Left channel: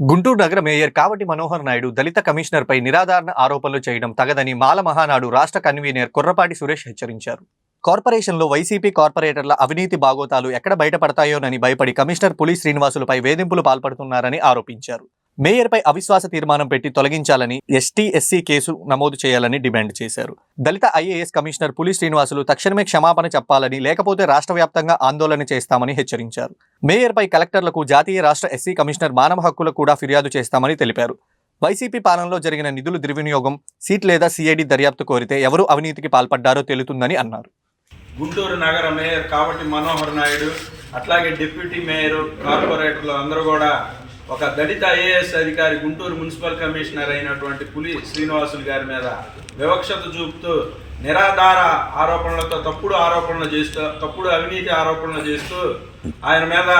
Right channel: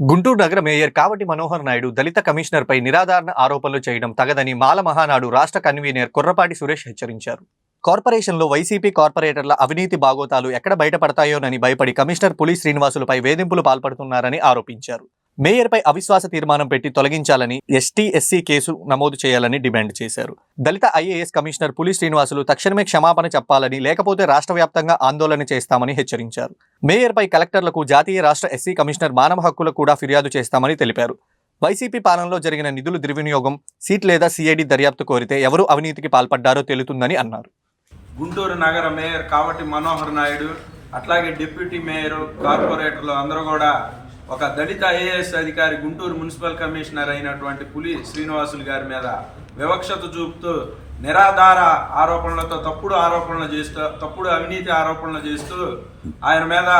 గుంటూరు నగర మేయర్ కావటి మనోహర్ నాయుడు దళిత కమిషనర్పై నిరాధారణ ఆరోపణలు చేయడం తగదని మాల మహానాడు రాష్ట్ర కన్వీనర్ కుర్రపాటి సురేష్ హెచ్చరించారు. కార్పొరేషన్లో వైసీపీ కార్పొరేటర్ల అవినీతి బాగోతాలు ఎక్కడ బయటపడతాయోనని భయపడి కమిషనర్ పులి శ్రీనివాసులపై వేధింపులు పాల్పడుతున్నారని ఆరోపించారు. మేయర్పై అవిశ్వాస తీర్మానం పెట్టి తొలగించాలని ఎస్టీ ఎస్సీ కేసు నమోదు చేయాలని డిమాండ్ చేశారు. దళిత ఐఏఎస్ కమిషనర్ పులి శ్రీనివాసులు తక్షణమే క్షమాపణ చెప్పాలని లేకపోతే రాష్ట్ర వ్యాప్తంగా ఆందోళన చేస్తామని హెచ్చరించారు. మేయర్పై కలెక్టర్లకు జాతీయ రాష్ట్ర ఎస్సీ కమిషనర్ మానవ హక్కులకు కూడా ఫిర్యాదు చేస్తామని తెలిపారు. వైసీపీ పాలనలో జరిగిన నిధులు దుర్వినియోగం సీట్ లేదా సిఐడి దర్యాప్తు కోరితే ఎవరు అవినీతికి పాల్పడ్డారో తెలుతుందని అన్నారు. గుంటూరు నగర మేయర్ కాబట్టి మనోహర్ నాయుడు అట్లాగే డిప్యూటీ మేయర్ కార్పొరేటర్లు అందరూ కూడా ఒక దళిత ఐఏఎస్ అధికారి గుంటూరు మున్సిపల్ కమిషనర్ అయినటువంటి పులి శ్రీనివాసులు గారి మీద వివక్షత చూపుతూ నిరాధార ఆరోపణలతో తప్పుడు ఆరోపణలు చేస్తూ తప్పుడు అవినీతి ఆరోపణలు చేస్తూ ఆయన మీద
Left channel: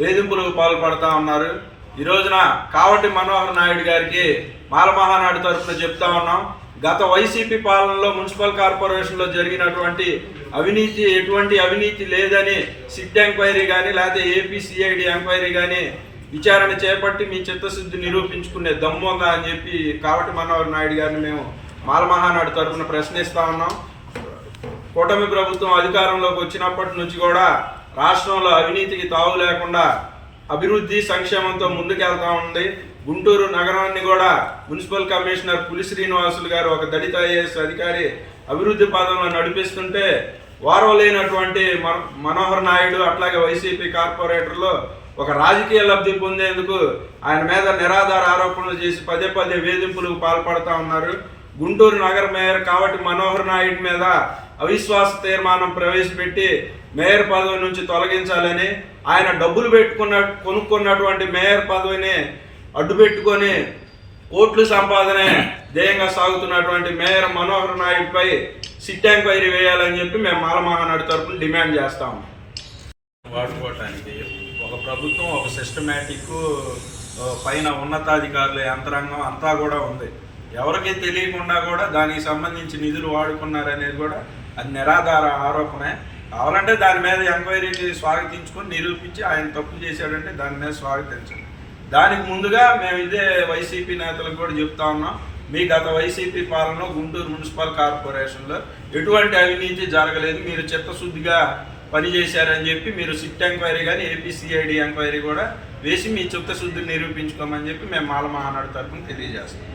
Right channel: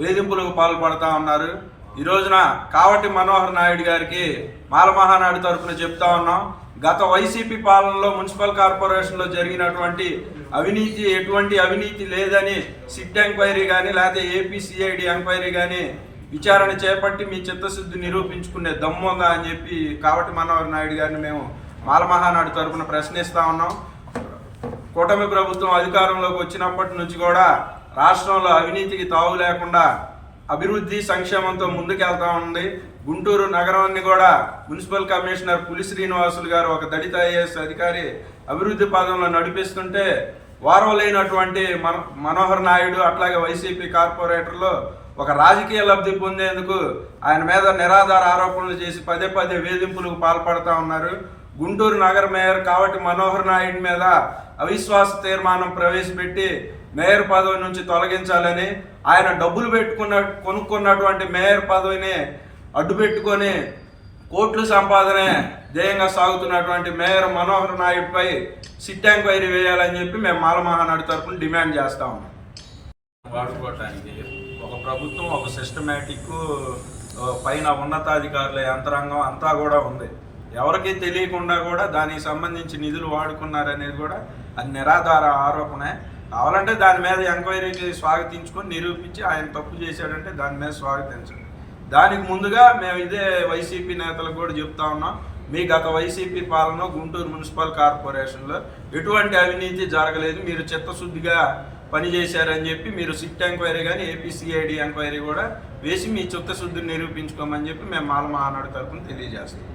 వేధింపులకు పాల్పడతా ఉన్నారు. ఈ రోజున కావటి మనోహర్ నాయుడు గారికి మాలమహానాడు తరఫున చెప్తా ఉన్నాం. గత వైసీపీ పాలనలో మున్సిపల్ కార్పొరేషన్లో జరిగినటువంటి అవినీతి ఎటువంటి అవినీతి లేదని సిట్ ఎంక్వైరీ కానీ లేకపోతే ఏపీసీఐడి ఎంక్వైరీ కానీ విచారణ చేపట్టి మీ చిత్తశుద్ధి నిరూపించుకునే దమ్ము అని చెప్పి కావటి మనోహర్ నాయుడు గారిని మేము మాలమహానాడు తరఫున ప్రశ్నిస్తా ఉన్నాం. కూటమి ప్రభుత్వం అధికారంలోకి వచ్చినప్పటి నుంచి కూడా రాష్ట్రంలో అవినీతికి తావు లేకుండా అభివృద్ధి సంక్షేమంతో ముందుకెళ్తా ఉంది. గుంటూరు నగరాన్ని కూడా మున్సిపల్ కమిషనర్ పులి శ్రీనివాసులు గారు ఒక దళిత ఐఏఎస్ అధికారి అభివృద్ధి పదంలో నడిపిస్తుంటే వారం లేనటువంటి మన మనోహర్ నాయుడు అట్లాగే వైసీపీ కార్పొరేటర్లు ఒక రాజకీయ లబ్ధి పొందేందుకు ఆయన మీద నిరాధార ఆరోపణలు చేసి పదే పదే వేధింపులకు పాల్పడతా ఉన్నారు. గుంటూరు నగర మేయర్ కాబట్టి మనోహర్ నాయుడు మీద అవిశ్వాస తీర్మానం ప్రవేశపెట్టి మేయర్ పదవి నుంచి తొలగించాలని ఆయన డబ్బులు పెట్టుకున్న కొనుక్కున్నటువంటి మేయర్ పదవిని అడ్డుపెట్టుకొని కోట్లు సంపాదనే ధ్యేయంగా సాగుతున్నటువంటి మేయర్ మనోహర్ నాయుడుపై సిట్ ఎంక్వైరీ వేయాలని చెప్పి మేము మాలమహానాడు తరపున డిమాండ్ చేస్తాము వాడుకోవటానికి ప్రభుత్వం ఒక సిస్టమేటిక్ పైన ఉన్నతాధికారుల యంత్రాంగం అంతా కూడా ఉంది. ఎవరికి తెలియకుండా కూడా దానికి సంబంధించి నిధులు వాడుకున్నారనేది కూడా అది నిరాధార ఆరోపణే. కావాలంటే దాని మీద ఎంక్వైరీకి స్వాగతించుకొని నిరూపించి ఆయన తప్పు చేశాడంటే దాని మీద స్వాగతించండి. దానికి ముందుగా మేము ఇదే వైసీపీ నేతలకు కూడా చెప్తా ఉన్నాం. మీ గత వైసీపీ పాలనలో గుంటూరు మున్సిపల్ కార్పొరేషన్లో ఎటువంటి అవినీతి జరగలేదు. మీరు చిత్తశుద్ధిగా పనిచేశారని చెప్పి మీరు సిట్ ఎంక్వైరీ కానీ ఏపీసీఐడి ఎంక్వైరీ కూడా వేసి మీ చిత్తశుద్ధిని నిరూపించుకోమని చెప్పి మేము మాల మహానాడు తరఫున తెలియజేస్తాం.